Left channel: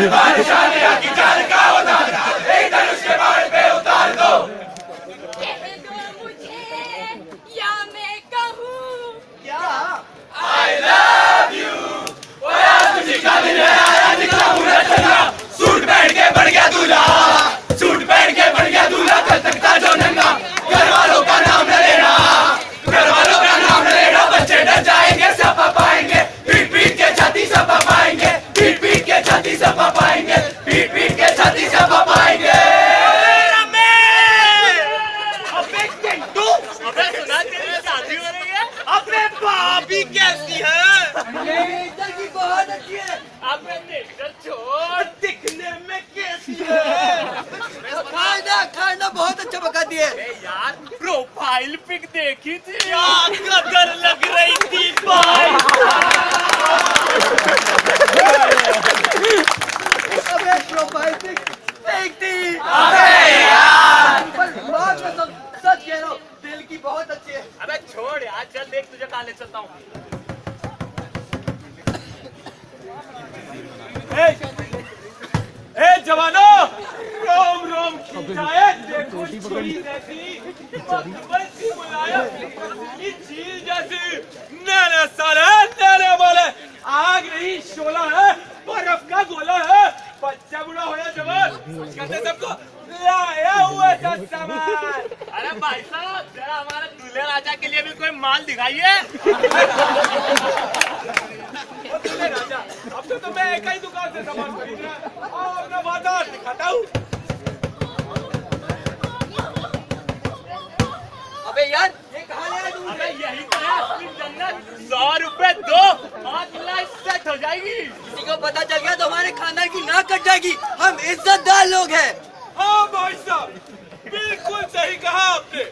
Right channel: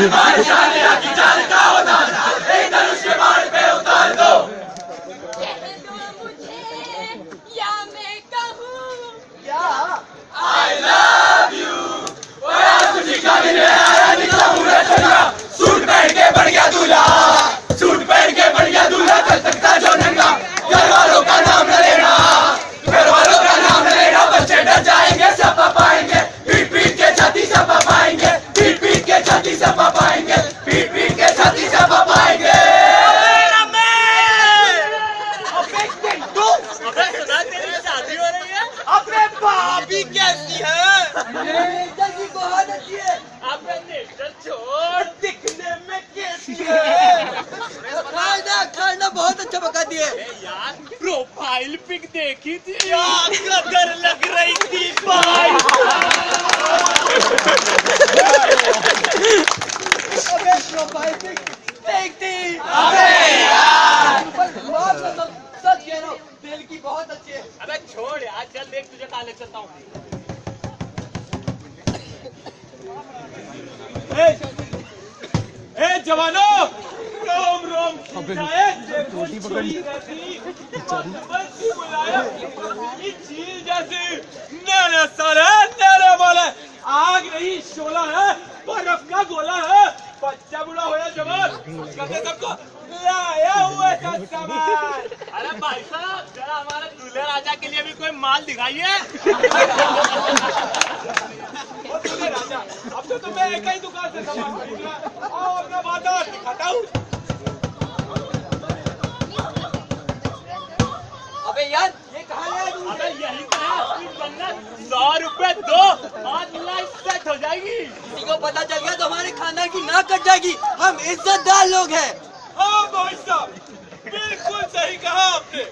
या मैं कहूँ क्या I love you। और आज खुशी का दिन है, आया निकला पूरा चंगा, सूट पहन के बढ़ गया दूल्हा, सूट पहन के बढ़ गया दूल्हा, कल तक था जो नंगा। घर वालों का नाम न लेना, घर वालों का नाम न लेना, बच्चे डर जाएंगे सब पाएंगे, पीट पीट के छाती सब पाएंगे, पीट पीट के छाती सब पाएंगे, पीट पीट के छाती सब पाएंगे। अबे भाभी कैसी है? नेचर की बहुत अच्छी है। अबे नेचर छोड़, दिखने में कैसी है? खाना खाना बहुत अच्छा पका दिए। यार प्रोफाइल पिक देखी थी यार, कदर लग रही थी भाई। अबे प्रोफाइल पिक देखती। अबे यार, पर बात में सच कह रहा हूँ, दिल की बहुत अच्छी है। अबे छोड़ यार, चल देख तुझे कहाँ ले चलता हूँ। ए जवानों, रोम रोम खींचाए, देखो चील जैसी, बच्ची बुलाया, चील जैसी, नैना सारे नैना बोले, आग नहीं शोला है, बर्फ का गोला है, बच्चा बुरा हो या जवान, कहते सबको लाया हुआ था सामान। अरे भाई साहब, जरा हमारे दूल्हे राजा के लिए भी कोई माल दिखाइए। राजा, अब तो मैं एक ही दुकान से सामान खरीद रहा, और मैं बाजार दिखाता हूँ। अबे यार, ये कहाँ ले आया तू? अबे यही तो है असली जन्नत। 100 रुपए दो, 5 लाख सेट हो जाएगी। किसी को पता चल गया तो हमारे खानदान की नाक कट जाएगी। हम इज्जतदार लोग हैं। हाँ भाई साहब, बिल्कुल सही कहा आपने।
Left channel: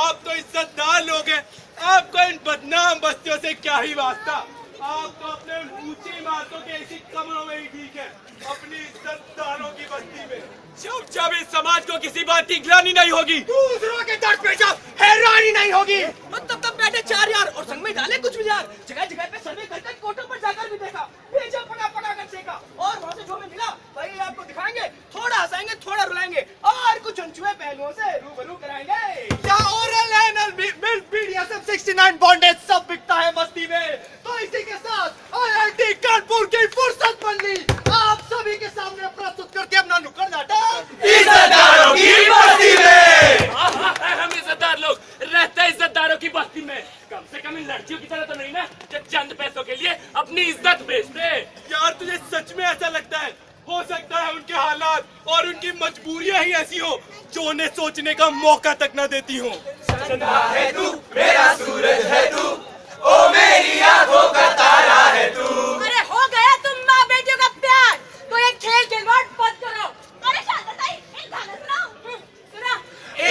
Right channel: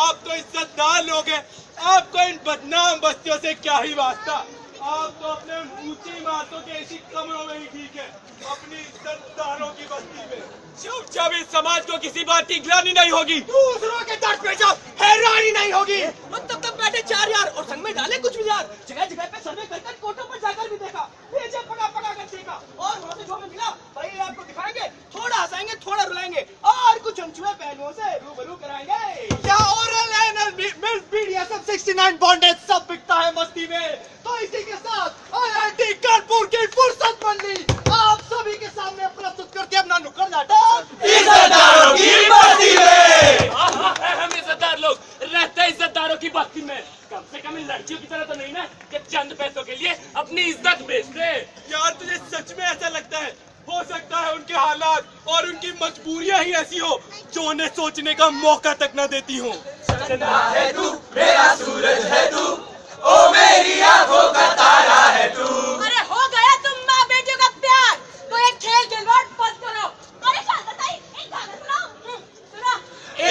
आप तो इज्जतदार लोग हैं, आपको इन बदनाम बस्तियों से क्या ही वास्ता। आप तो अपने ऊंची इमारतों के ऐसी कमरों में ही ठीक है, अपनी इज्जतदारों की बस्ती में। जब इस समाज को किसी बात की ग्लानि नहीं होगी, दूसरों के दर्द पे जब हैरानी नहीं होगी, तब बैठे 4 यार और संग में डाले कुछ भी यार। जगह जगह पे सर्वे करके कोर्टों पर जाकर भी देखा, भेजा पका पका कर देखा, और वहाँ से जो हमें मिला वही आपको दिखाएंगे। थोड़ा हंसाएंगे, थोड़ा रुलाएंगे, और कुछ अनछुए पहलुओं से रूबरू कराएंगे। क्या oral and milk BDSM 69 bondage सब बिकता है मस्ती में। तो इसी के साथ IIT कानपुर की फुर्सत बंदी आप सभी के सामने प्रस्तुत करके अपना नुक्कड़ नाटक इज्जतदारों की बस्ती में। हम इज्जतदार लोग रहते हैं इज्जतदारों की बस्ती में। कम से कम इन लड़कियों की तरह तो नहीं ना, कि चंद पैसों के लिए अपनी इज्जत बेचते। यार तुझे सच में ऐसा लगता है? हो सकता है उनके हालात और उनकी मजबूरियां ही ऐसी हो जो उन्हें सोचने का मौका तक न देती हो। है तू मेरा सूरज है तू, ओ मेरी आंखों का तारा है तू। अरे हो गया तुम माँ बेटियों का प्यार, तो एक खेल खिलवाड़ बंद करो। अरे शांत ताई, एक गाना सुनाओ। सुना।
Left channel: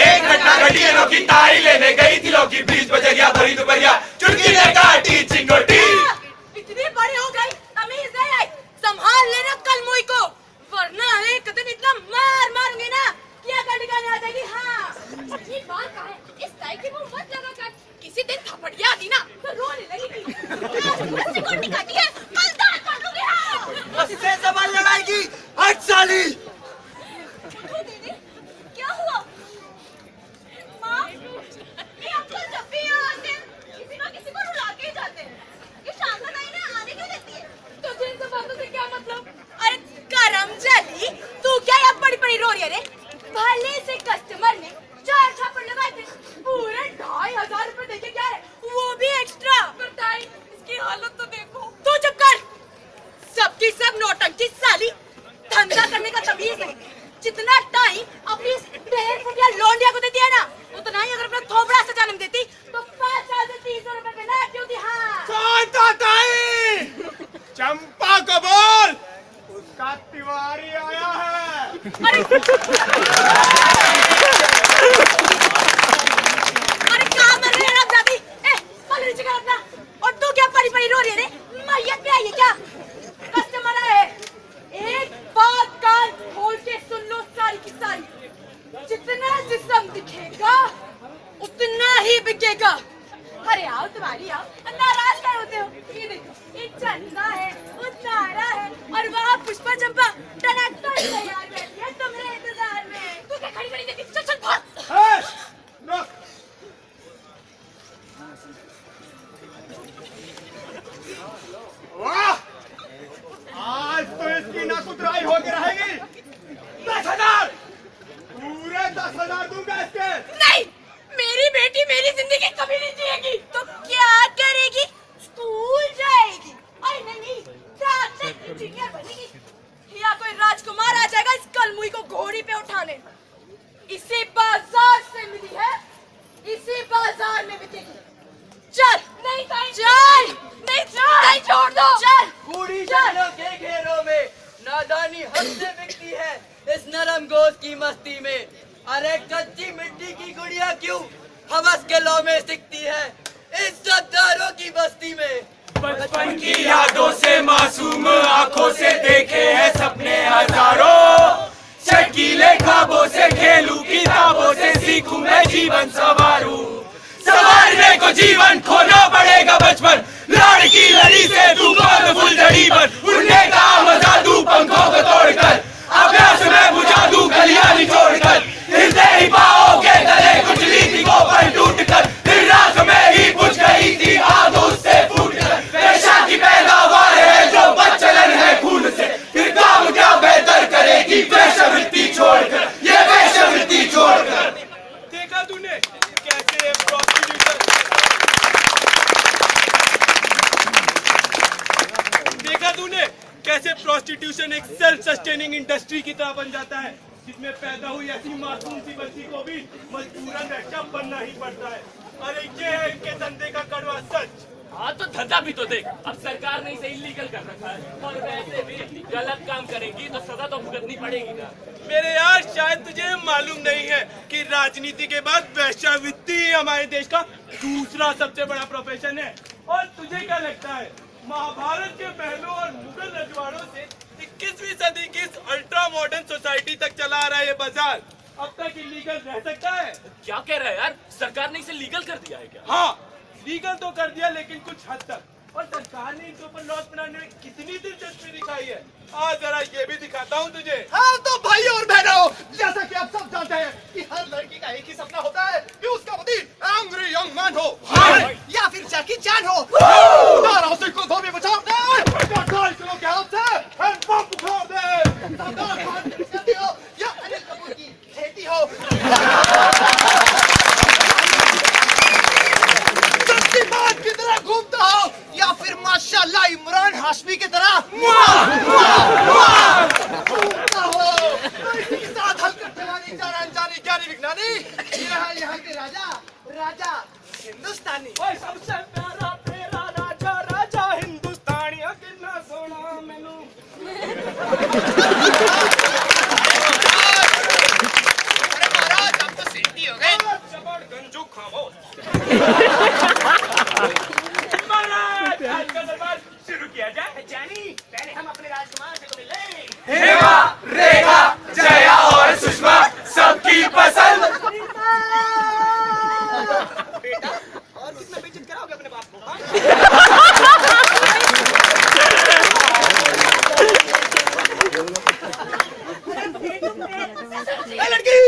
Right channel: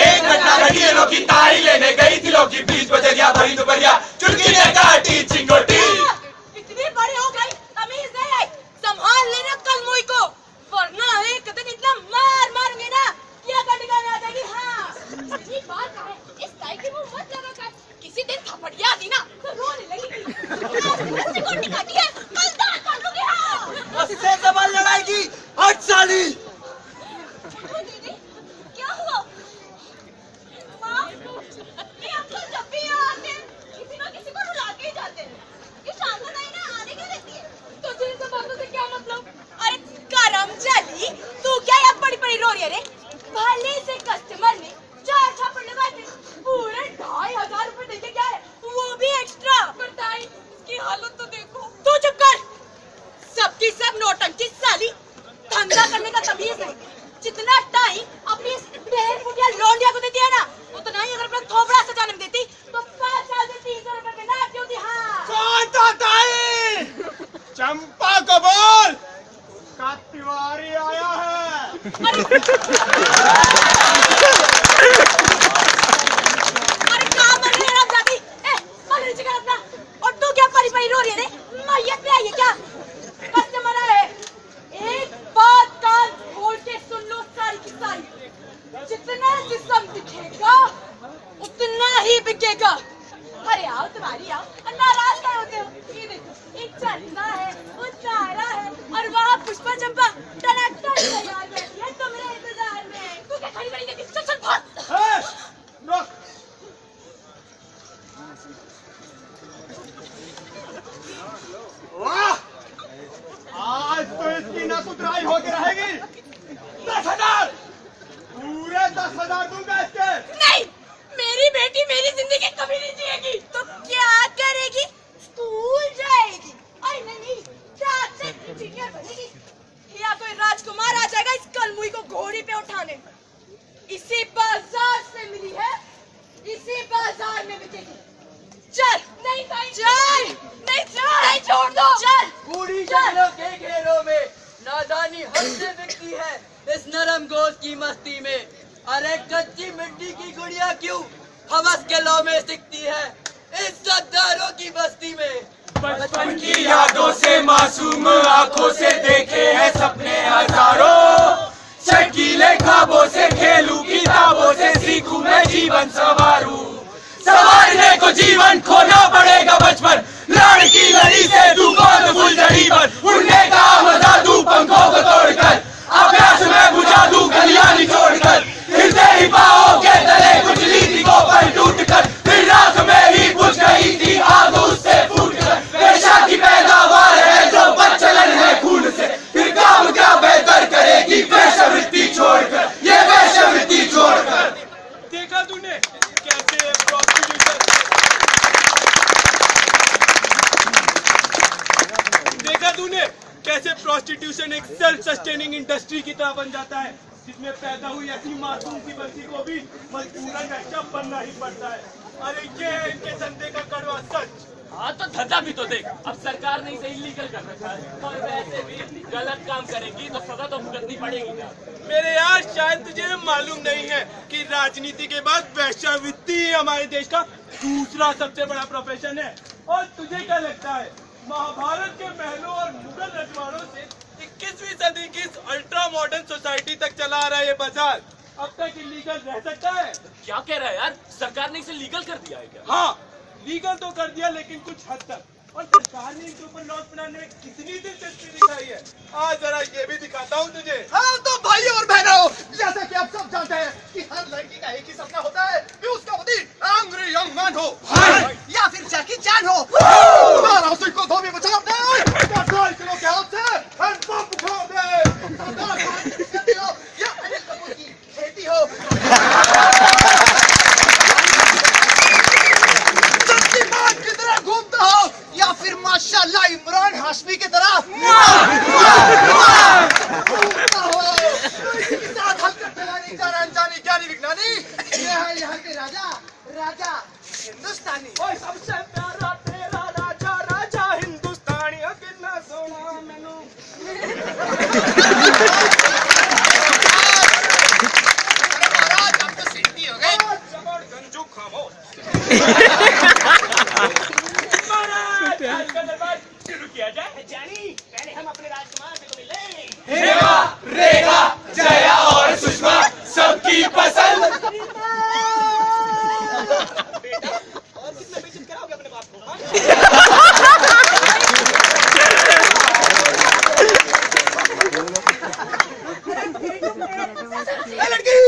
एक घटना घटी है, लोग की तारी लेने गई थी, लोग की बीच बजे गया भरी दोपहरिया, चुटकी ने काटी चिंगोटी। इतनी बड़ी हो गई, तमीज नहीं आई, संभाल लेना कल मुई को, वरना एक दिन इतना मार मारूंगी ना कि ये गंडका नहीं आ जाएगी। हाँ ये बात का है, इस ताई की मुंह मत लगा कर, किसी दिन थपड़िया दी ना तो रोने लगेगी। आज रस्सी को निकाली है, कल दांत काटूंगी। हाँ उससे सवाल लड़ाई की 8 साली। क्या हुआ? माँ, ये अंकल जब भी यहाँ आते हैं, किसी न किसी को रुला के ही जाते हैं। ये शांता ताई ना आने क्यों देती है? तो इन सब बातों से क्या मतलब? अरे करम जली, तू क्या यहाँ पड़ी पड़ी रो रही है रे? भले से कस्टमर ने 4 छापड़ लगाए थे, पूरे 2500 रुपए देके क्या है, वो भी एक्स्ट्रा। ताई, इसकी हालत तो देखो। तू चुप कर, सबकी सब नौटंकी साली, धंधा करने का तमीज नहीं। जितना टाइम अपनी बहन फुटिया लौंडिया को देती है ना, उतना ही अगर अपना थोपड़ा से जन्म देती तो 5 साल से 300 रुपए में ना क्यों थी। हाँ कौन था ताई? चंपा को बोल, उसका तिवारी आया है। अरे क्या मर रही है आप जाती? पल नीचे कर अपना। और तू क्या परी परी रो रही है रे? मैयत पे आई है क्या? कस्टमर आए, एक बात कान खोल के सुन लो सारी की सारी। जितना जिस्म दिखेगा उतना ही बिकेगा। अरे आओ तुम्हारी आओ, नाराज क्या होते हो? ये देखो, एक चंदा है, वो तारा है, और वहाँ पुष्पा चंपा टनाटन तैयार बैठी है तुम्हारे इंतजार में। तू क्या खड़ी खड़ी देखी? चल चल भाग। रुक। वाह, आज तो इसकी ना सुधराई होकर रहेगी। 10,000, पूरे 10,000 दूंगा इसके। नहीं, मेरी बेटी मेरी जिंदगी कभी नहीं जिएगी। तो क्या करेगी? स्कूल जाएगी। अरे नहीं, डॉक्टर इंजीनियर बनेगी, या कोई राजकुमार आ जाएगा इस कलमुई को घोड़ी पे उठाने। इसी बाजार से मिली है, इसी बाजार में बिकेगी। चल। नहीं चल, नहीं चल, नहीं छोड़ दो। चल। बूढ़ी शक्लों के घेरों में नादानी हमसे बिकती है, इस नरम गोश्त की मस्ती में। अरे कच्ची मिट्टी की गुड़िया क्यों हवस के लौ में सिकती है, इज्जतदारों की बस्ती में। बचपन की यादों से मासूम आंखों से देखे हैं सपने हजारों, चटकीले ख्वाबों से खेलूं किताबों से सीखूं मैं जीवन संवारने को जीवन खोना पड़ेगा बचपन, लड़की लड़ी से तू कौन फुलझड़ी बन, उड़ने का मजा दूं पंखों को तोड़कर, अभ्यास में बुझा दूं गलियां निचोड़कर, हिलते ही पाओगे तले कुछ लीथी को पर टूटकर, फिर राख में ही बुझ गई थी आग उससे फूटकर, पेशा की पैदावार है जो बदचलन है खून से, फिर काम क्या बेहतर करेगी वेश्यावृत्ति छोड़कर, ये वेश्यावृत्ति छोड़कर। देखा तूने कैसे प्रोस्टिट्यूशन एक सेल्फ सस्टेनिंग इंडस्ट्री की तरह बन जाता है, जिसमें पैदा हुई ऐसी मासूम सी बच्ची को भी मजबूरन रक्षा बनना ही पड़ता है। अरे ये है इनके धंधे का कड़वा सच। हाँ तो धंधा भी तो देख, अब सरकार ने इसे इलीगल कर रखा है, और वैसे भी गलत काम करेंगी तो सजा तो भुगतनी पड़ेगी ना। मेरे यार शायद तुझे मालूम नहीं है कि राजनीति के बाद वेश्यावृत्ति ही हमारे देश का दूसरा सबसे बड़ा प्रोफेशन है। और तुझे क्या लगता है, महाभारत के महलों और मुगल रजवाड़ों से 21वीं सदी की इस अल्ट्रा मॉडर्न सोसाइटी तक चला आ रहा है ये बाजार अब तक इलीगल रह सकता है? क्या कह रहा है यार, सरकार ने इसे लीगल कर दिया है क्या? हाँ, लीगल तो कर दिया लेकिन कुछ हद तक, और सरकार ने इनके ऊपर लॉस बनाने में कितनी दिलचस्पी दिखाई है, आज जरा ये भी दिखाता हूँ तुझे। हाँ तो भाई और बहनों, जैसा कि आप सब जानते हैं कि हर लड़की का एक ही सपना होता है कि उसका पति एंग्री यंग मैन हो या फिर जैकी चैन हो, उसी को धोबी बचा दे, 10 किलो के हाथ से हैंड पंप उखाड़ दे, या अनिल कपूर की खेती हो, की तरह घूमता हो, या फिर माशाल्लाह इमरान हाशमी की तरह घूमता हो। साथ हलकत जवानी जान अनजानी ज्ञानी विज्ञानी, ये है यहाँ के राजा राजा हिंदुस्तानी। ओए सबसे प्यारा तेरा राजा राजा हिंदुस्तानी, कितना सोना मैनू। अरे महाराज आप तो सीधी हो गए। जबर गंजू खामोश। का दरबार शुरू किया जाए। जानी, पहले हम अपने राजकुमार से तो मिले। हेमा, रेखा, जया और सुषमा सबकी पसंद। बेटा और कितना बेइज्जत कराओगे अपने बाप को? लड़की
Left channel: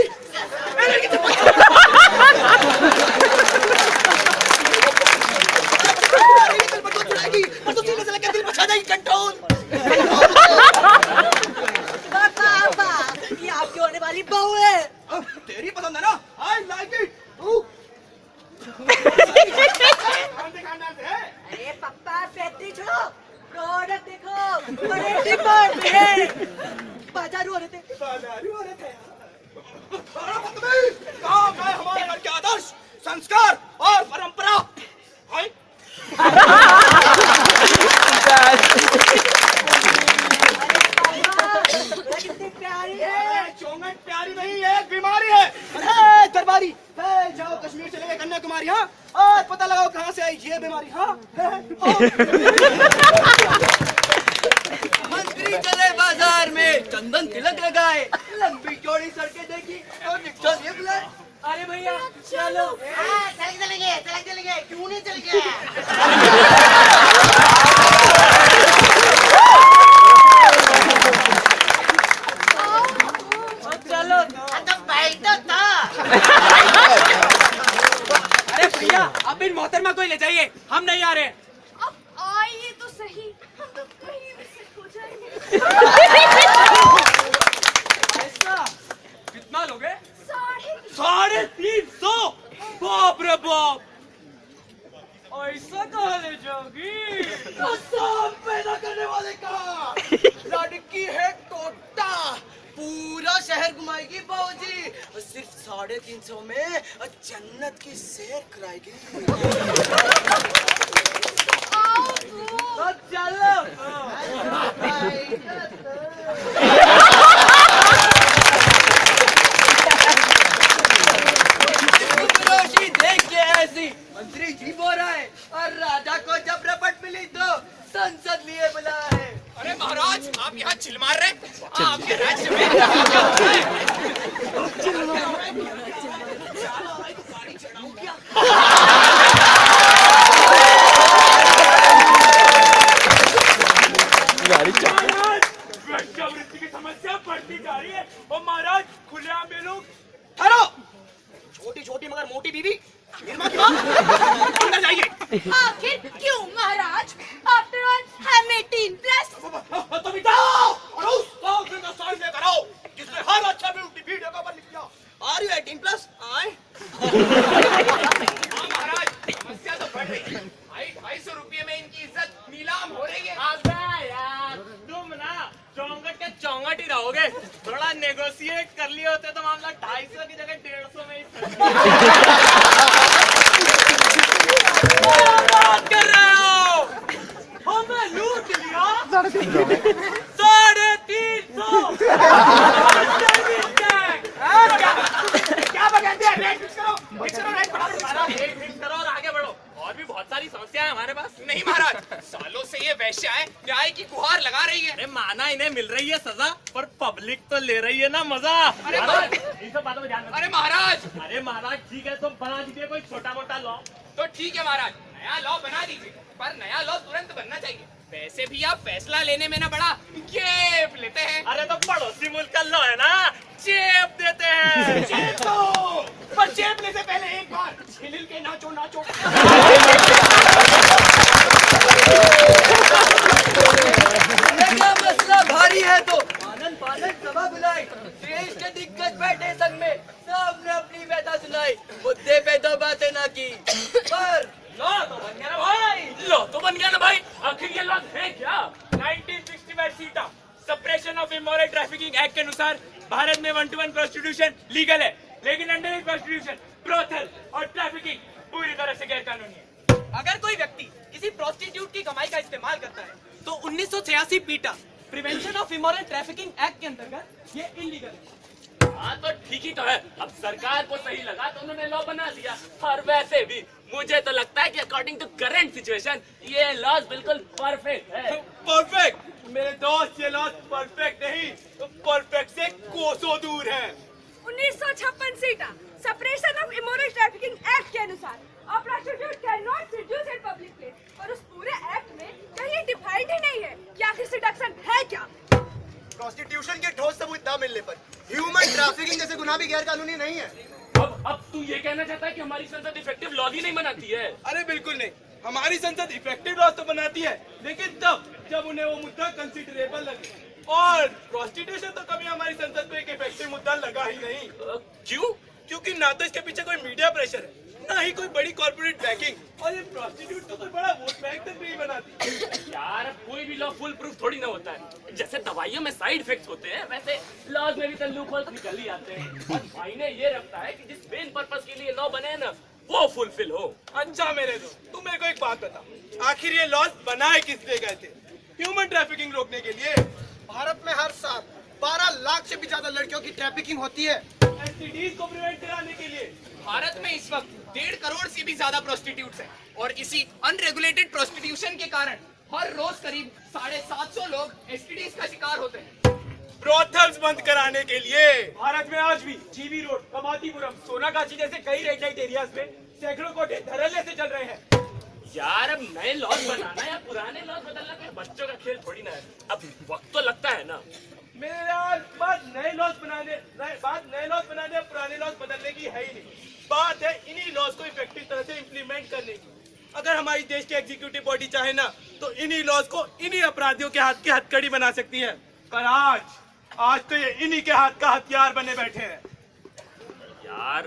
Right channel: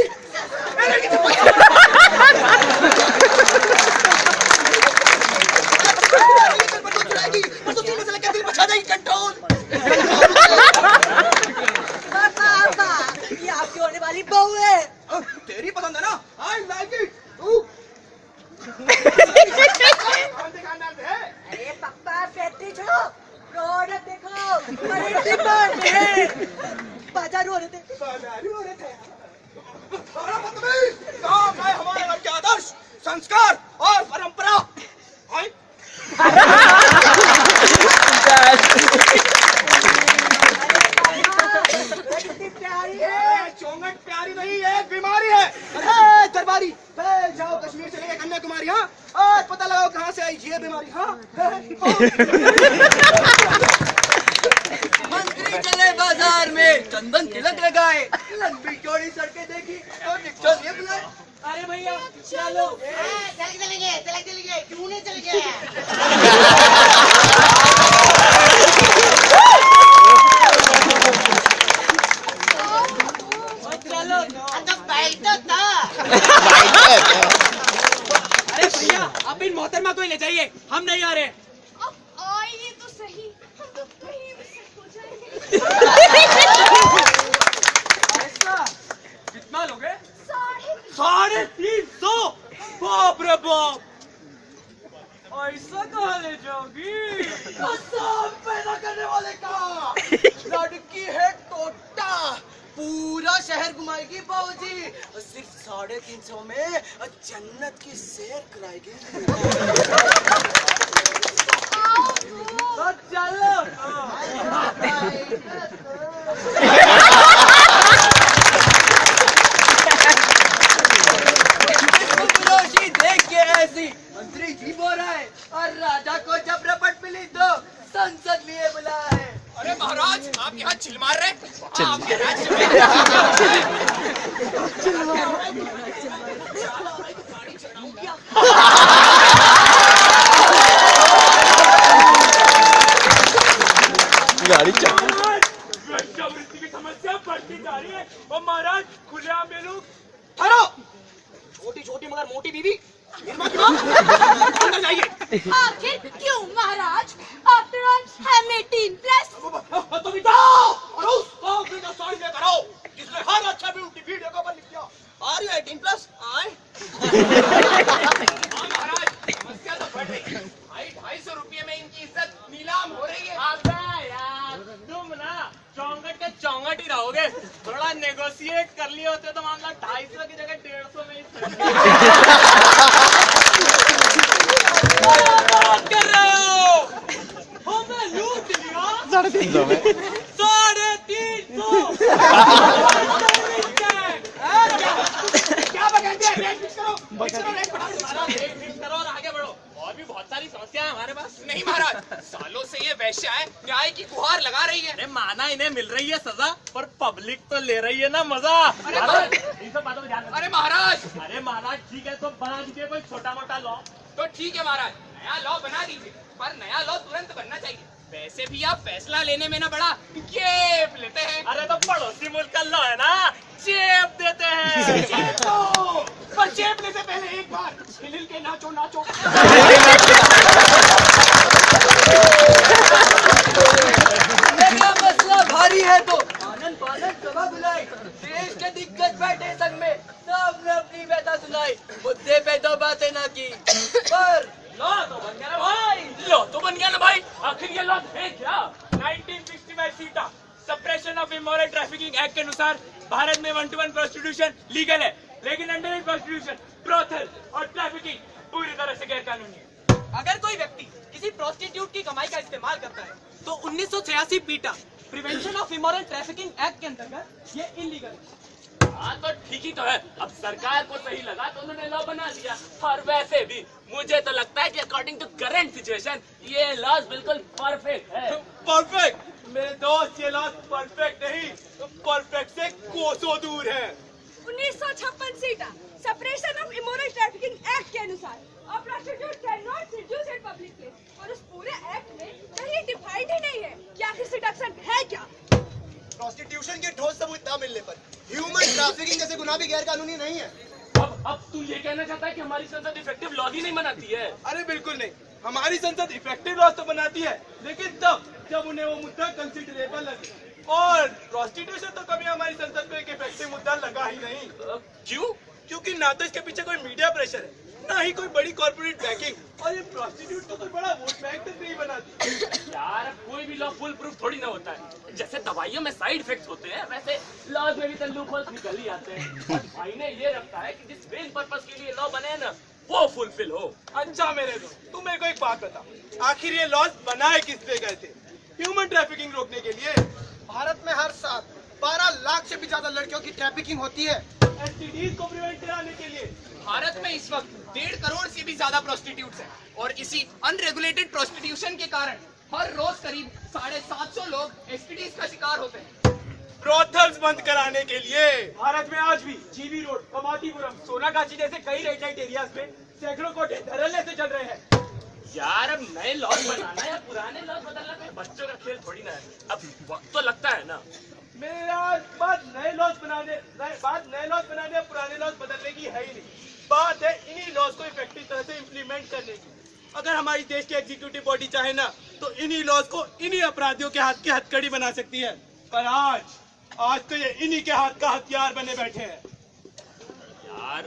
ये आपकी होने वाली बहू है। तेरी पसंद है ना? I like it. कौन से खानदान से है? अरे पप्पा पैसे छोड़ो, प्रोडक्ट देखो, बड़े डिमांड में है। बाजारू औरत है। बाजारू औरत है। काम है हमारे घर के आदर्श, संस्कार और परंपरा। कितनी प्यारी है। चौंगट प्यारी नहीं है, एक बीमारी है। अरे दरबारी, जाओ कश्मीर से लेके कन्याकुमारी, हाँ आज पता लगाओ कहाँ से आई ये बीमारी। हाँ मंत्री चले बाजार में, चंदन तिलक लगाए, लंबी चौड़ी सड़कें देखी तो निकल ये बुलाए, अरे भैया चलो। चलेंगे क्यों नहीं चलेंगे? चलो तो बैठो तो। अरे भैया आप इन मोहतरमा को ही ले जाइए, हम नहीं आ रहे। अब आइए तो सही, हम तो कहीं भी सेट हो जाएंगे। ऐसा कितना लोगे? 350। बाप रे बाप, ऐसा कहाँ ले जाओगी? कसम पैदा करने वाले का। लड़की है टोटा, पूरा शहर घुमाएगी बाबूजी, और सिर्फ 350 में जन्नत की सैर कराएगी। तो चलो। रोशनी देख के ऐसी मंत्री जी बोल रहा है, और राजा को जब रपट मिली तो संसद लिए बुला है। अरे महाराज, आप यहाँ चिल मार रहे हैं? आपके राज्य में क्या होता है? महाराज, वेश्यावृत्ति की समस्या बढ़ती जा रही है और महाराज खुलेआम में लोग। ठहरो, छोटी छोटी मगर मोटी बीवी निर्मा की बात। अंदर जाइए। आखिर क्यों महाराज? आफ्टर ऑल हम 18+। तो बिठाओ और उस कागज का साइन लेकर आओ जिसमें हर अच्छा ब्यूटी वीडियो का बन लिखा आर यू 18+ आए। हाँ महाराज, समस्या तो बढ़ रही है। 250 रुपये में इनकी इज्जत नीलाम हो रही है। अबे यार, तुम ना चौंगट के चौंगट ही रहोगे। थोड़ा नेगोशिएट कर लिए होते तो मामला 250 की जगह 150 में ही। बात कर रहे हो? हमें लूट लिया 350। क्या बगाते हैं? रेट फिक्स करो, रेट बढ़ाओ। हमारा रेट फिक्स करो और आगे बढ़ो। और भी बहुत सारी समस्याएं हमारे पास। नहीं महाराज, सालों से ये वैश्याएं न्याय की गुहार लगा रही है। अरे माना इन्हें मिल रही है सजा, पर पब्लिक तो ले रही है ना मजा। अरे महाराज, इन सब बातों में ध्यान रखिए। अरे महाराज, अरे महाराज ठीक है, तो बना दीजिए कोई छोटा मोटा लॉ। तो ठीक है महाराज, नया लॉ बना दीजिए, पर नया लॉ तुरंत बनना चाहिए। वैसे भी आप फैसला लेने में ना बड़ा जेब लेते हैं। अरे तो पड़ोसी मुल्क का लॉ है ना, जेब देते हैं। जेब तो, पर जेब लेने से पहले एक बार हिल के नाचो नाचो। मसला भारी है तो आनंद पानंद सभा बुलाई, देश के दिग्गज बैठे संग में, सबने अपनी व्यथा सुनाई, मुद्दे पे दो बातें ना की, पर लॉ तो बन गया ना भाई, लॉ तो बन गया ना भाई। आखिर ये लॉ है क्या? 1965 सीटा suppression of immoral trafficking act के अनुसार भारत में 1-to-1 प्रोस्टिट्यूशन लीगल है, लेकिन अंडर प्रोस्टिट्यूशन, ब्रोथल और ट्रैफिकिंग पूरी तरह से गैर कानूनी है। अगर कोई व्यक्ति किसी प्रोस्टिट्यूट की कमाई का इस्तेमाल करता है तो 1986 पीटा prevention of immoral trafficking act के अंतर्गत ये इलीगल है। हाँ तो ठीक ही तो है। अब सरकार को सही लगा तो उन्होंने लॉ बना दिया। और वैसे भी मुझे तो लगता है कि अकॉर्डिंग टू करंट सिचुएशन ये लॉ बिल्कुल परफेक्ट है। परफेक्ट? मेरे दोस्त, ये लॉ परफेक्ट नहीं, तो परफेक्ट से कोसों दूर है। 1956 सीटा suppression of immoral trafficking act के अनुसार a prostitute cannot seduce in public place, और उस पूरे एक्ट में कहीं डिफाइंड ही नहीं है कि आखिर सेडक्शन है क्या। प्रोस्टिट्यूशन के ठोस सबूत न मिलने पर ह्यूमन ट्रैफिकिंग जैसे गुनाह भी गैर कानूनी नहीं है। अब तू ये कहना चाहता है कि हमारी संसद इफेक्टिव लॉ ही नहीं बनाती है? अरे बिल्कुल नहीं, हमारी संसद इफेक्टिव लॉ तो बनाती है, लेकिन तब जब उन्हें वो मुद्दा कंसिडरेबल लगे। और प्रोस्टिट्यूशन तो कभी हमारी संसद पे एक इफेक्टिव मुद्दा लगा ही नहीं। क्यों? क्योंकि ना तो इसके पीछे कोई मीडिया प्रेशर है, ना ही कोई बड़ी कॉर्पोरेट बैकिंग, और ये प्रोस्टिट्यूट तो कोई बड़ा वोट बैंक तक नहीं बनाती। यार कोई भी लॉ फुल प्रूफ थोड़ी ना होता है। जैसे दवाइयों में साइड इफेक्ट्स होते हैं, वैसे लॉज में भी तो लूपहोल्स निकल ही आते हैं। और भाई ने ये रखता है कि जिस मेन पर्पस के लिए लॉ बने हैं ना, वो फुलफिल हो। अच्छा मेरे दोस्त, तुम मेरे को एक बात बताओ, आखिर ये लॉज बनाए किस लिए गए थे? ह्यूमन ट्रैफिकिंग रोकने के लिए। भारत में हर साल 12 लाख से भी ज्यादा लड़कियों की ट्रैफिकिंग होती है। एसटीडीज को प्रिवेंट कराने के लिए। भारत में इस वक्त 1.5 करोड़ से भी ज्यादा प्रोस्टिट्यूट्स हैं, और इसी अनरेगुलेटेड प्रोस्टिट्यूशन के कारण हर रोज करीब 750 लोग एसटीडीज का शिकार होते हैं। ब्रोथल्स बंद कराने के लिए। भारत में आज भी जीबी रोड, कमातीपुरम, सोनागाछी जैसे कई रेड लाइट एरियाज में सैकड़ों कोठे धड़ल्ले से चल रहे हैं। यार अब नए लॉज बनाना या पुराने लॉज बदलना कोई बच्चों का खेल थोड़ी ना है। अब वक्त तो लगता है ना। मेरे यार बात नए लॉज बनाने या पुराने लॉज बदलने की है ही नहीं। बात है इन्हीं लॉज को इफेक्टिव तरह से इम्प्लीमेंट करने की। अगर हमारी देश की एग्जीक्यूटिव बॉडी चाहे ना तो इन्हीं लॉज को इन्हीं अपराधियों के हाथ की हथकड़ी बना सकती है। पर आज तो ये इन्हीं के हाथ का हथियार बने बैठे हैं। यार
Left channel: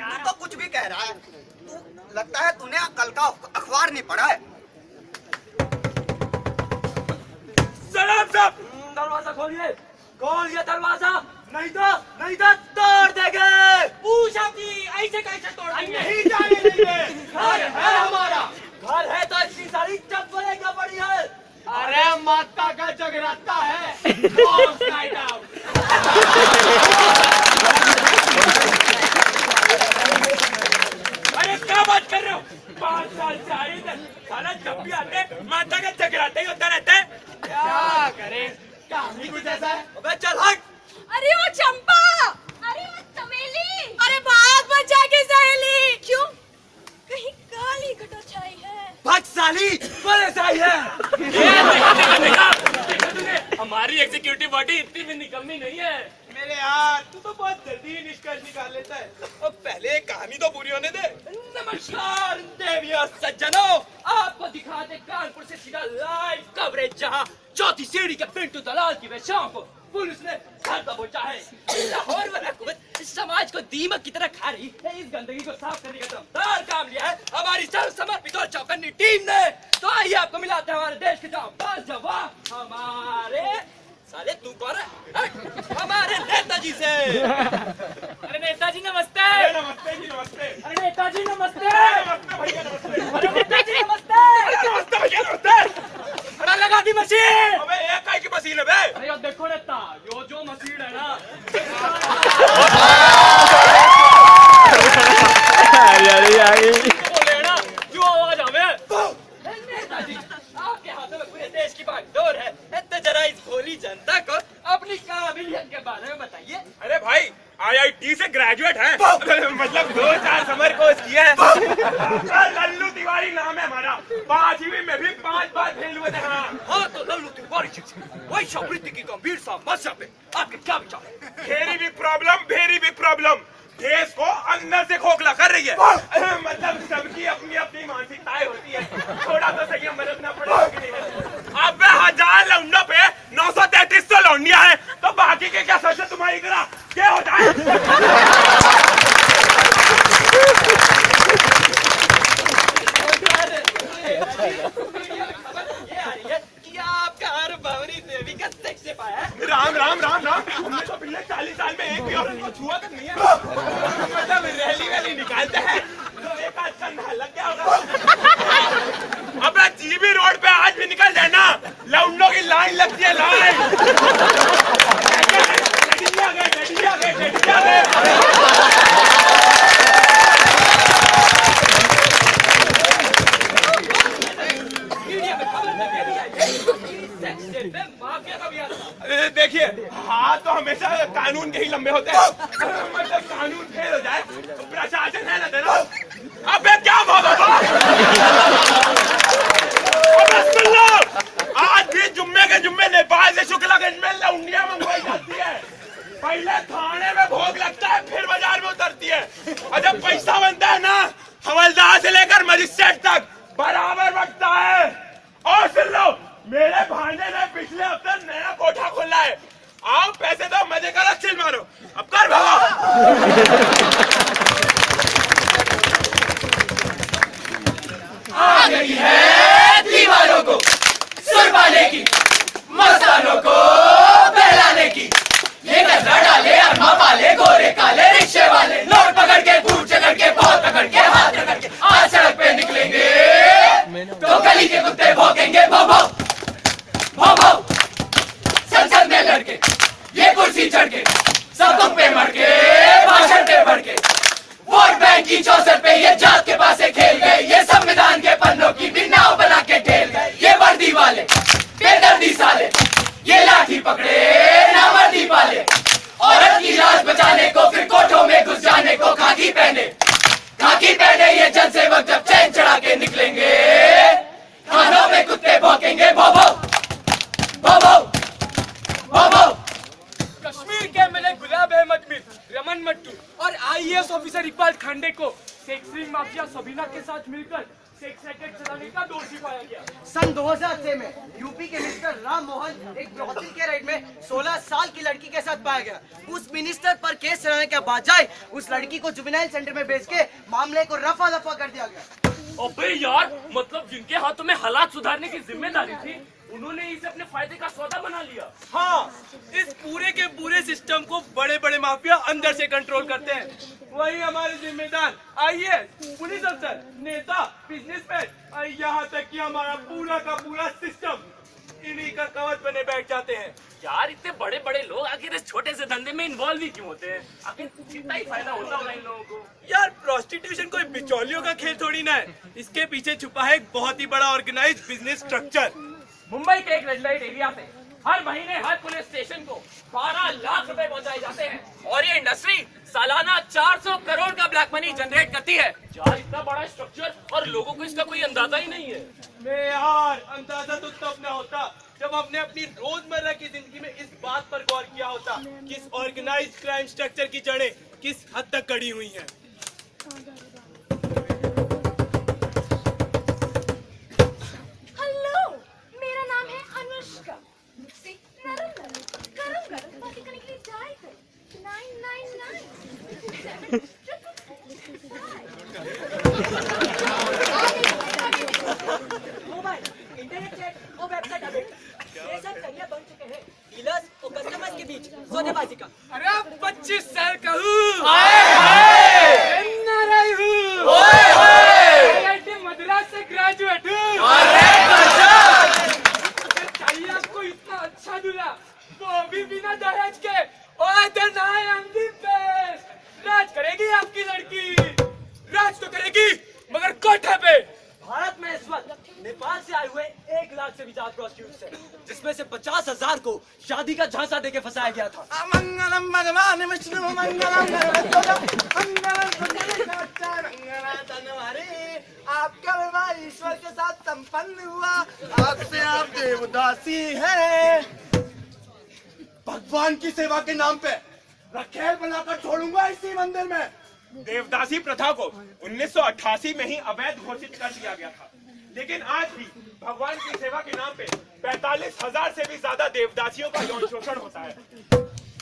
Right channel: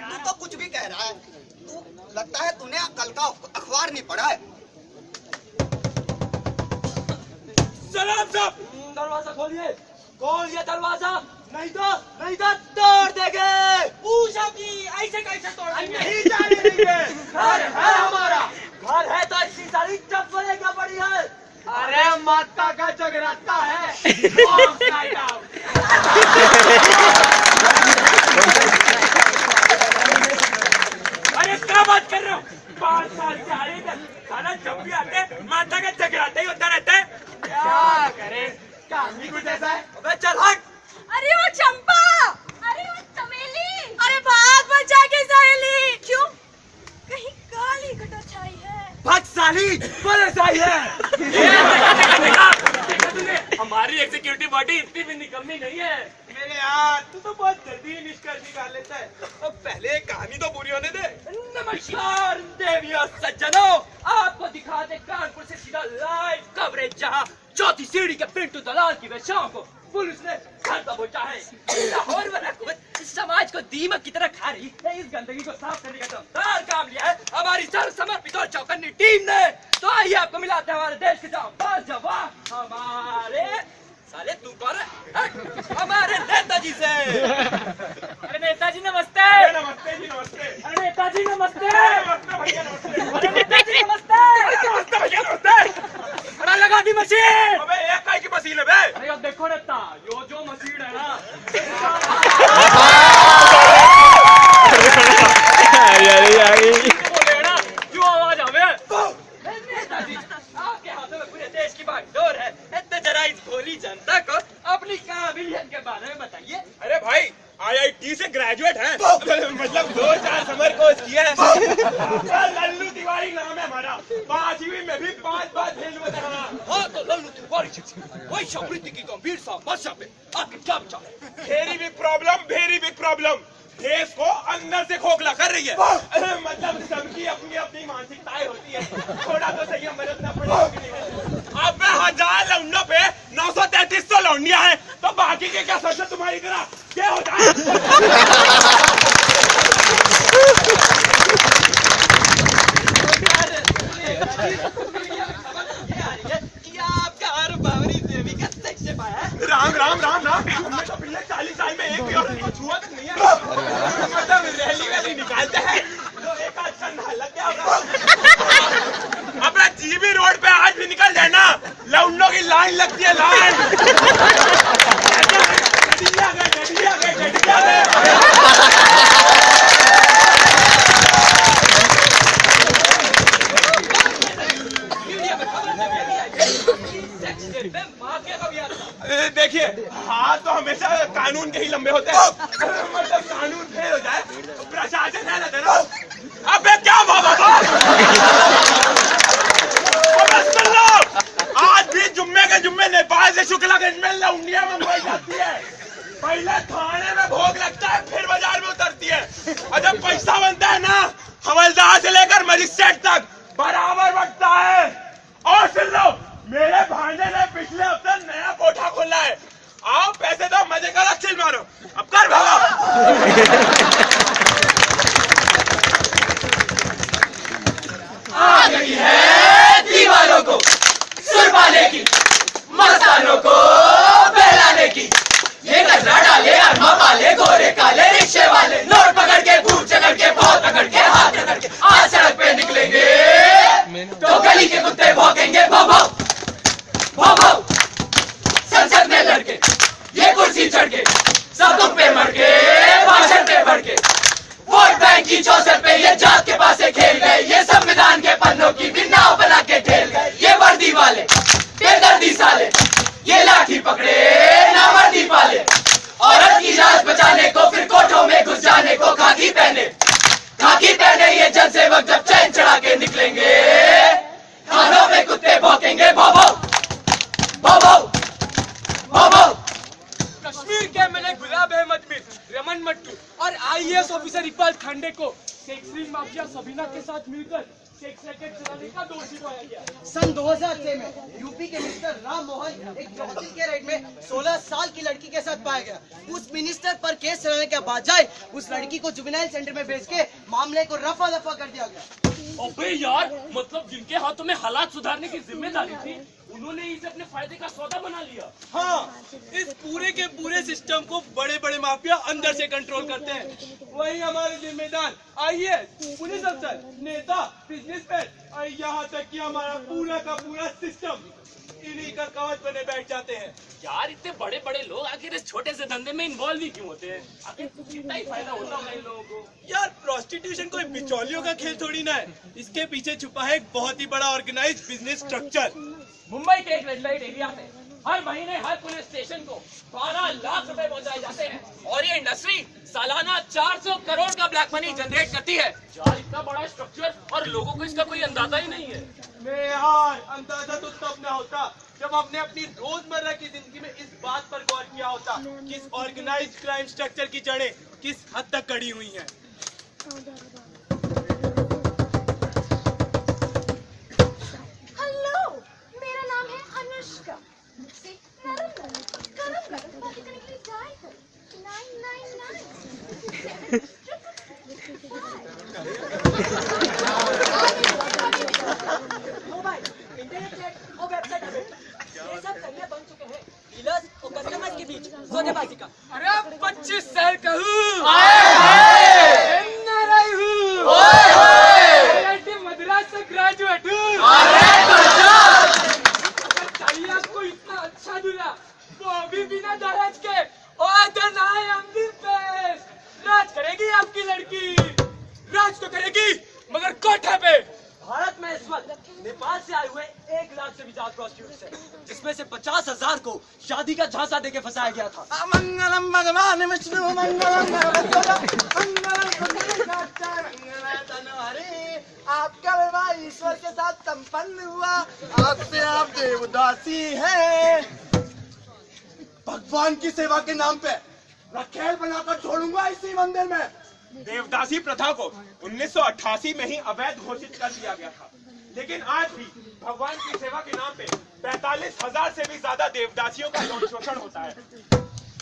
तू तो कुछ भी कह रहा है। तू लगता है तूने कल का अखबार नहीं पढ़ा है। सलाम साहब, दरवाजा खोलिए, खोलिए दरवाजा, नहीं तो तोड़ देंगे। पूछा कि ऐसे कैसे तोड़ा? नहीं जाने देंगे। घर है हमारा, घर है तो इतनी सारी चप्पलें क्या पड़ी है? अरे माता का जगराता है। अरे क्या बात कर रहे हो? 5 साल से आ रही है साला, जब भी आते माता का जगराता ही होता रहता है। क्या करें, काम ही कुछ ऐसा है। अबे चल हट। अरे वो चंपा, अरे वो चमेली, अरे भाग बचा के सहेली। क्यों? कहीं काली कटर छाई है। भाग साली, बड़े साई है। देखा तूने, हमारी एग्जीक्यूटिव बॉडी इतनी भी निकम्मी नहीं है। मेरे यार तू तो बहुत जल्दी निष्कर्ष निकाल लेता है। अब पहले कहानी तो पूरी होने दे। नमस्कार देवियों सज्जनों, आपको दिखाते कानपुर से सीधा लाइव कवरेज, जहां चौथी सीढ़ी के पिंटू दलाल की वेश्याओं को पुलिस ने घर दबोचा है। लाहौर वाला कुछ समाज को दीमक की तरह खा रही है। इस गंदगी को साफ करने का दमदार काम लिया है हमारी सर्वसमर्पित और चौकन्नी टीम ने। तो आइए आपको मिलाते हैं हमारे देश के जांबाज जवान, हमारे साले तू कौन है? हमारे नेताजी से। अरे नेताजी नमस्ते। नमस्ते जी, नमस्ते। अरे नेताजी नमस्ते। नमस्ते भैया, नमस्ते। अरे नेताजी नमस्ते। नमस्ते भैया, नमस्ते। अरे लगा दी मशीन। अबे एक काय की मशीन है बे? अरे अब देखो नेता, यो जो मशीन है ना, बोले ना जो आवाज आवे। नेताजी आपके हाथों में पूरे देश की बागडोर है। इतने जरा इस भोली जनता को अपनी काबिलियत के बारे में बताइए। अरे भाई IIT से ग्रेजुएट हैं, मतलब 2-4 समर कोर्स किया है। लल्लू तिवारी नाम है हमारा। 5वीं में भी 5 बार फेल हुए थे। हाँ तो लल्लू तिवारी वही समृद्धि की गंभीर समस्या पे आपके क्या विचार है? वेरी बिग प्रॉब्लम देश को अंदर से खोखला कर रही है। मतलब सबकी अपनी अपनी मानसिकताएं होती है, थोड़ा तो संयम बरतना पड़ेगा कि नहीं? अब 1000 लौंडों पे 933 तो लौंडियां हैं, तो बाकी के क्या सोचे तुम्हारी तरह क्या हो जाए? आपका हर बावरी देवी का सेक्स से पाया है। राम हमने तो पिछले 40 साल में एक भी औरत को छुआ तक नहीं है। मतलब रैली निकालते हैं तो एक आध कंधा लग गया होगा। अबे जीबी रोड पे आज भी निकल जाए ना, लौंडों की लाइन लगती है, लाइन। गड्डी आ गए। देखिए, हाथ तो हमेशा कानून के ही लंबे होते हैं। मतलब कानून फेल हो जाए तो प्रशासन है ना तेरा। अबे क्या बाबा, अबे सुन लो, आज भी जुम्मे नेपाल से शुक्लागंज में लौंडिया मंगवाई जाती है। पहले थाने में भोग लगता है, फिर बाजार में उतरती है। और जब पैसा बनता है ना, हवलदार से लेकर मजिस्ट्रेट तक बराबर बंटता है। और सुन लो, मेरे भांजे ने पिछले हफ्ते नया कोठा खोला है। आओ पैसे दो, मजे करो, चिल मारो। अब कर भागो। आ गई है दीवारों को सुरपाने की, मस्तानों को बहलाने की। ये कचरा डाले, अरमा पाले, गोरे काले रिक्शे वाले, नोट पकड़ के, बूट चकड़ के, बहुत पकड़ के, हाथ रगड़ के आज सड़क पे निकलेंगे तो गली के कुत्ते भौंकेंगे। भाव भाव संसद में लड़के, ये कुर्सी चढ़ के, सब तुम पे मर के, भाषण पे बढ़ के, वोट बैंक की चौसर पे ये जात के पास खेल गए। ये संविधान के पन्नों की भी नाव बना के ठेल गए। ये वर्दी वाले बेदर्दी साले पकड़े ना वर्दी पाले, औरत की लाज बचाने को फिर कोठों में घुस जाने को खाकी पहने ये जनसेवक जब चैन चढ़ा के निकलेंगे, थानों में कुत्ते भौंकेंगे भौ भौ भौ भौ भौ भौ। कश्मीर के एमएलए गुलाब अहमद मीर, रमन मट्टू और आईएएस ऑफिसर इकबाल खांडे को सेक्स रिंग माफिया सबीना के साथ मिलकर सेक्स रैकेट चलाने का दोषी पाया गया। सन 2006 में यूपी के मिनिस्टर राम मोहन एक ब्रॉडल के रेड में 16 साल की लड़की के साथ पाया गया। उस मिनिस्टर पर केस चलाने के बजाय उस लड़की को जुवेनाइल सेंटर में भेज के मामले को रफा दफा कर दिया गया। अबे यार, मतलब जिनके हाथों में हालात सुधारने की जिम्मेदारी थी, उन्होंने इसे अपने फायदे का सौदा बना लिया। हाँ, इस पूरे के पूरे सिस्टम को बड़े बड़े माफिया अंदर से कंट्रोल करते हैं। वही हमारे जिम्मेदार आईएएस, पुलिस अफसर, नेता, बिजनेसमैन, यहाँ तक कि हमारा पूरा का पूरा सिस्टम इन्हीं का कवच बने बैठ जाते हैं। यार, इतने बड़े बड़े लोग आखिर इस छोटे से धंधे में इन्वॉल्व ही क्यों होते हैं? आखिर कितना ही फायदा होता होगा इन लोगों को। यार, प्रोस्टिट्यूशन कोई बिचौलियों का खेल थोड़ी ना है। इसके पीछे छुपा है एक बहुत ही बड़ा ऑर्गेनाइज्ड बिजनेस स्ट्रक्चर। मुंबई के एक रेड लाइट एरिया से हर महीने हर पुलिस स्टेशन को 12 लाख रुपए पहुंचाए जाते हैं और ये इंडस्ट्री सालाना 400 करोड़ का ब्लैक मनी जनरेट करती है। यार, इतना बड़ा स्ट्रक्चर और लोगों को इसका कोई अंदाजा ही नहीं है। नहीं यार, अंदाजा तो तब न होता जब हमने अपनी रोजमर्रा की जिंदगी में इस बात पर गौर किया होता कि इस ऑर्गेनाइज्ड क्राइम स्ट्रक्चर की जड़ें किस हद तक गड़ी हुई हैं। हेलो, मेरा नाम है अनुष्का। मुझसे नरम नरम गरम गरम बातें करने के लिए डायल करें 999। मोबाइल, इंटरनेट चैट और वेबसाइट अपडेट, ये सब जरिया बन चुके हैं डीलर्स और कस्टमर्स के बीच सौदेबाजी का। अरे 25 साल का हूँ, मद्रास से ग्रेजुएट हूँ। चाहिए आपको इतना अच्छा दूल्हा, वो भी बिना दहेज के। राज करेगी आपकी लड़की, राज तो करेगी मगर कोठे पे। भारत में इस वक्त नेपाल से आए हुए 1 लाख से भी ज्यादा प्रोस्टिट्यूट्स हैं, जिसमें से 50,000 को शादी का झांसा देके फंसाया गया था। मंगलम भगवान विष्णु मंगलम आपका विवाह ईश्वर के साथ संपन्न हुआ। आपसे आप देवदासी है। भगवान की सेवा के नाम पे रखेल बनाकर छोड़ूंगा इसी मंदिर में। देवदासी प्रथा को 1988 में ही अवैध घोषित कर दिया गया था, लेकिन आज भी भगवान की सेवा के नाम पे 45,000 से भी ज्यादा देवदासियों का यौन शोषण होता है।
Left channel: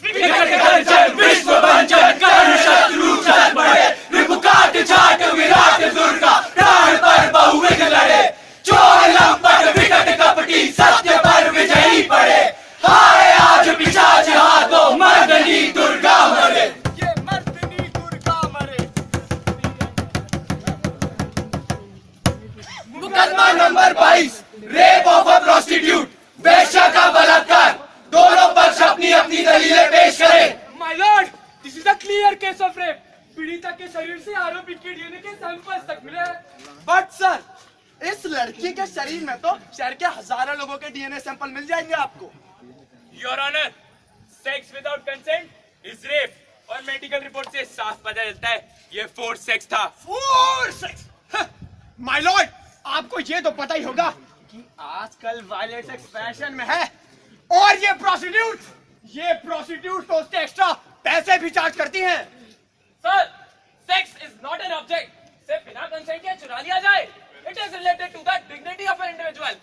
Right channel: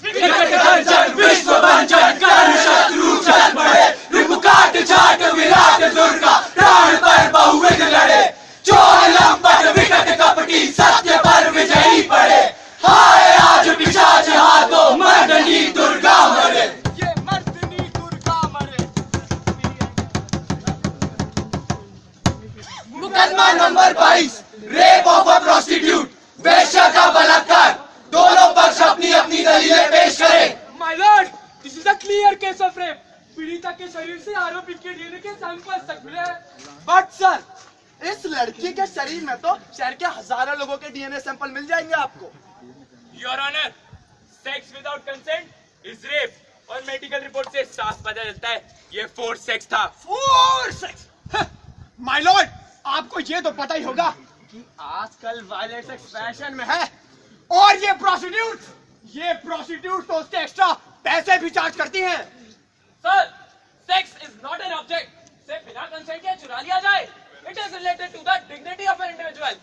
विश्व बंचन कर शत्रु चल पड़े, रूप काट छाट विराट दुर्गा, प्राण पर बहुविध लड़े, चोर लंपट विकट कपटी सत्य पर विजयी पड़े। हाय आज पिशाच हाथों मर्दनी दुर्गा मरे। मुकदमा number 22, rape of a prostitute, वेश्या का बलात्कार। दोनों पक्ष अपनी अपनी दलीलें पेश करें। My Lord, this is a clear case of rape. पीड़िता के शरीर से आरोपी के डीएनए के सैंपल तक मिले हैं। बट सर, इस लड़की के शरीर में तो शहर के हजारों लोगों के डीएनए सैंपल मिल जाएंगे आपको। Your honour, sex without consent is rape और मेडिकल रिपोर्ट से साफ पता चलता है ये फोर्स सेक्स था। फोर्स? माय लॉर्ड, आपको ये तो पता ही होगा कि आजकल वायलेंस सेक्स फैशन में है और ये प्रोस्टिट्यूट तो उसके एक्स्ट्रा पैसे भी चार्ज करती हैं। Sir, sex is not an object. से बिना कंसेंट के चुरा लिया जाए, it is related to the dignity of an individual.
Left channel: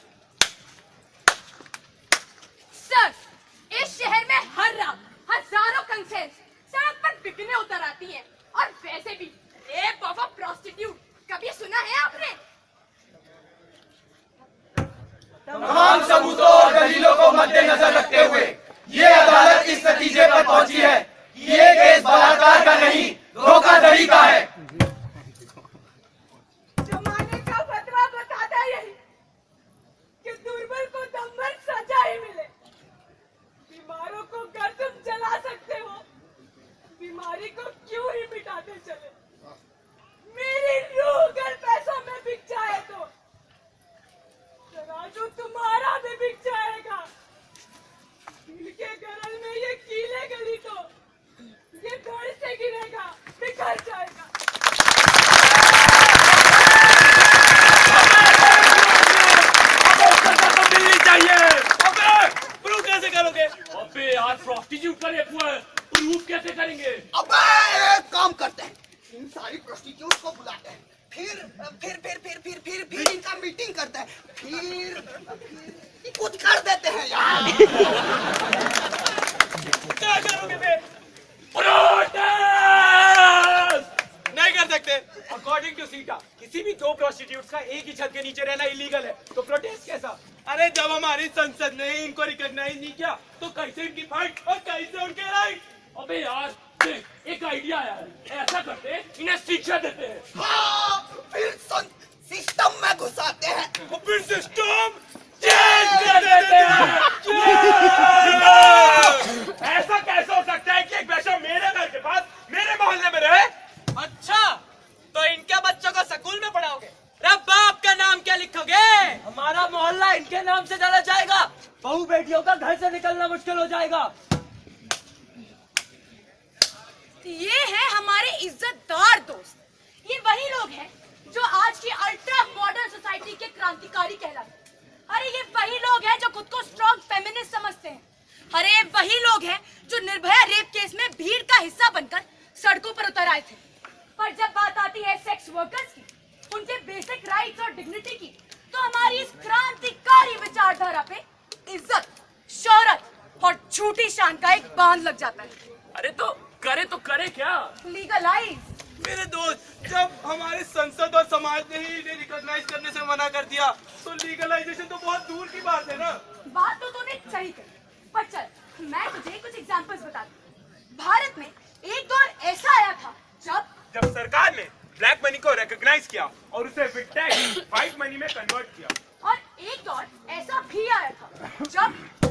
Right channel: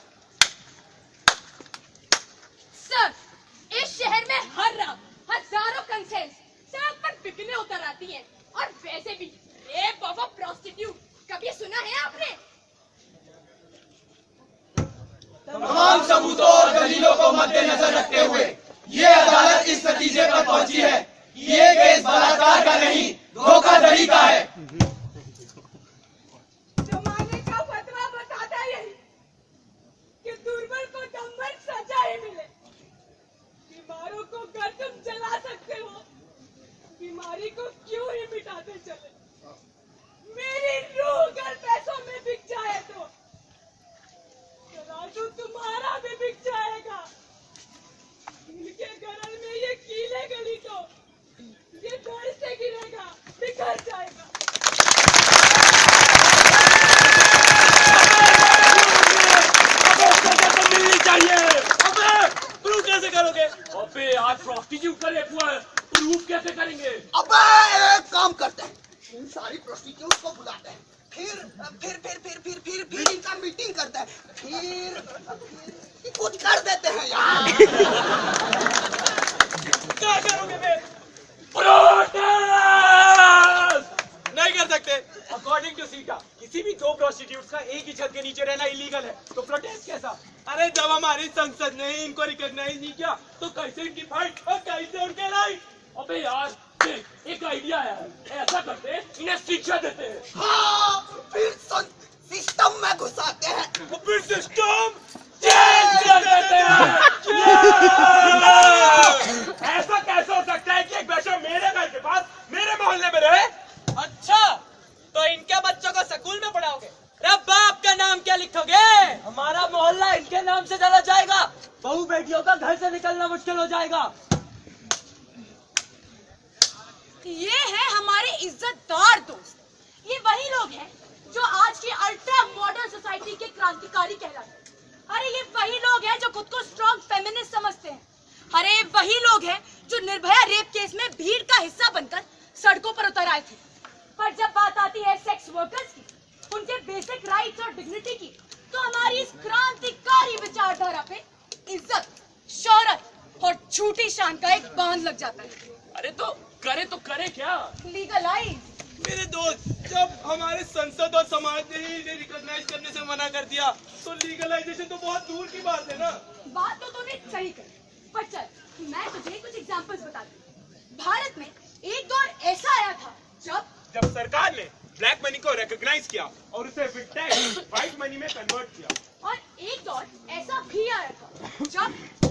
Sir, इस शहर में हर रात हजारों कंसेंट सड़क पर बिकने उतर आती हैं और वैसे भी रेप ऑफ अ प्रोस्टिट्यूट कभी सुना है आपने? तमाम सबूतों और दलीलों को मद्देनजर रखते हुए ये अदालत इस नतीजे पर पहुंची है कि ये केस बलात्कार का नहीं, धोखाधड़ी का है। जमाने का फतवा बताता यही कि दुर्बल को दम्भर सजा ही मिले। बीमारों को घर तुम जला सकते हो, बीमारी को क्यों ही मिटाते चले। मेरी रूह अगर पैसों में बिक जाए तो तराजू तुम्हारा भी बिक जाएगा। दिल सारी प्रोस्टिट्यूट को बुलाते हैं, फिर इनका मीटिंग करते हैं, फिर कुछ कर देते हैं यार। क्या करोगे बे? प्रोटेस्ट नहीं कर सकते। अकॉर्डिंग टू सीटा किसी भी दो प्रोस्टिट्यूट का एक ही छत के नीचे रहना इलीगल है, तो प्रोटेस्ट कैसा? अरे जब हमारी संसद ने इनको रिकॉग्नाइज नहीं किया तो कैसे इनकी फाइट और कैसे उनके राइट? अबे यार देख, एक आइडिया आया है, ऐसा करते हैं, इन्हें शिक्षा देते हैं। हाँ, फिर सिस्टम में घुसाते हैं। और फिर सिस्टम चेंज कर देते हैं। ऐसा कैसे हो सकता है कि एक बच्चा मेरे घर के पास मेरे मोहल्ले में रहे? अच्छा, तो इनके बच्चों को स्कूल में पढ़ाओगे? अरे बाप का नाम क्या लिखोगे? हमारा मोहल्ला इनके नाम से चला जाएगा। बहू बेटियों का घर से निकलना मुश्किल हो जाएगा। ये है हमारे इज्जतदार दोस्त। ये वही लोग हैं जो आज की अल्ट्रा मॉडर्न सोसाइटी के क्रांतिकारी कहलाते हैं। अरे ये वही लोग हैं जो खुद को स्ट्रॉन्ग फेमिनिस्ट समझते हैं। अरे ये वही लोग हैं जो निर्भया रेप केस में भीड़ का हिस्सा बनकर सड़कों पर उतर आए थे। पर जब बात आती है सेक्स वर्कर्स की, उनके बेसिक राइट्स और डिग्निटी की, तो हमारी इस क्रांतिकारी विचारधारा पे इज्जत, शौहरत और झूठी शान का एक बांध लग जाता है। अरे तो करे क्या? लीगलाइज। मेरे दोस्त, जब हमारे संसद और समाज ने ही इन्हें रिकॉग्नाइज करने से मना कर दिया तो लीगलाइजेशन तो बहुत दूर की बात है ना। बात तो तूने सही कही, पर चल मैं तुझे कुछ एग्जांपल्स बता दूं। भारत में एक दौर ऐसा आया था जब सरकार ने ब्लैक मनी को रिकॉग्नाइज किया और उसे व्हाइट मनी में कन्वर्ट किया। और एक दौर ऐसा भी आया था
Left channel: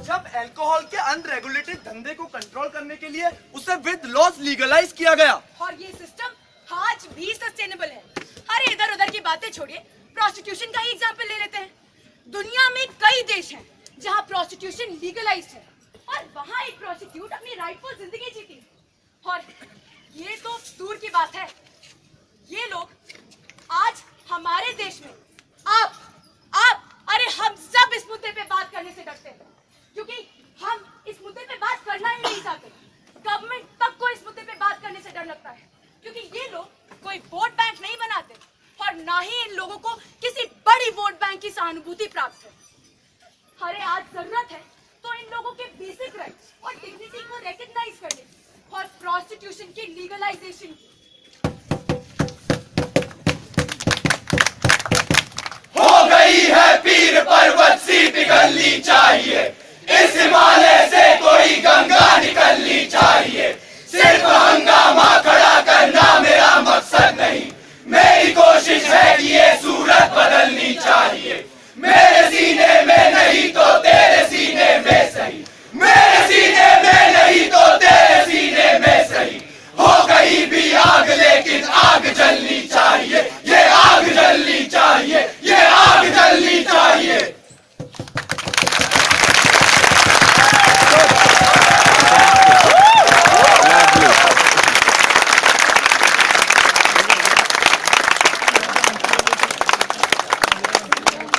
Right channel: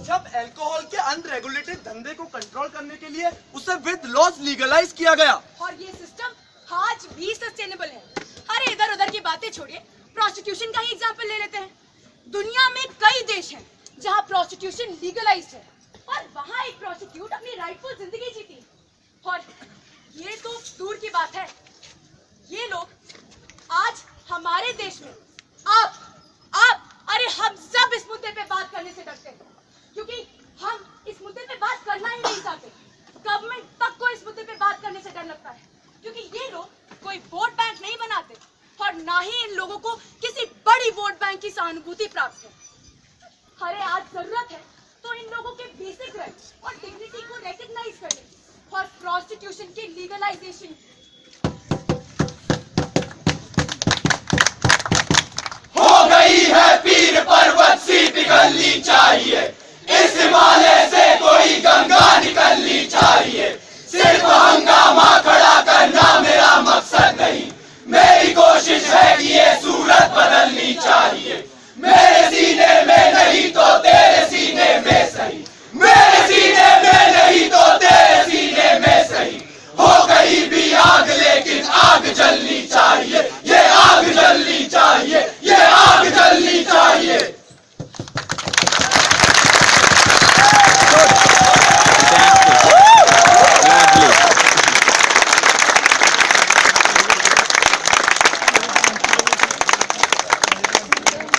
जब अल्कोहल के अनरेगुलेटेड धंधे को कंट्रोल करने के लिए उसे विद लॉस लीगलाइज किया गया। और ये सिस्टम आज भी सस्टेनेबल है। अरे इधर उधर की बातें छोड़िए, प्रोस्टिट्यूशन का ही एग्जांपल ले लेते हैं। दुनिया में कई देश हैं जहां प्रोस्टिट्यूशन लीगलाइज्ड है और वहां एक प्रोस्टिट्यूट अपनी राइटफुल जिंदगी जीती है। और ये तो दूर की बात है, ये लोग आज हमारे देश में आप अरे हम सब इस मुद्दे पे बात करने से डरते हैं, क्योंकि हम इस मुद्दे पे बात करना ही नहीं चाहते। गवर्नमेंट तक को इस मुद्दे पे बात करने से डर लगता है, क्योंकि ये लोग कोई वोट बैंक नहीं बनाते और ना ही इन लोगों को किसी बड़ी वोट बैंक की सहानुभूति प्राप्त है। अरे आज जरूरत है तो इन लोगों के बेसिक राइट्स और डिग्निटी को रिकॉग्नाइज करने और प्रोस्टिट्यूशन की लीगलाइजेशन। हो गई है पीर पर्वत सी पिघलनी चाहिए, इस हिमालय से कोई गंगा निकलनी चाहिए, सिर्फ हंगामा खड़ा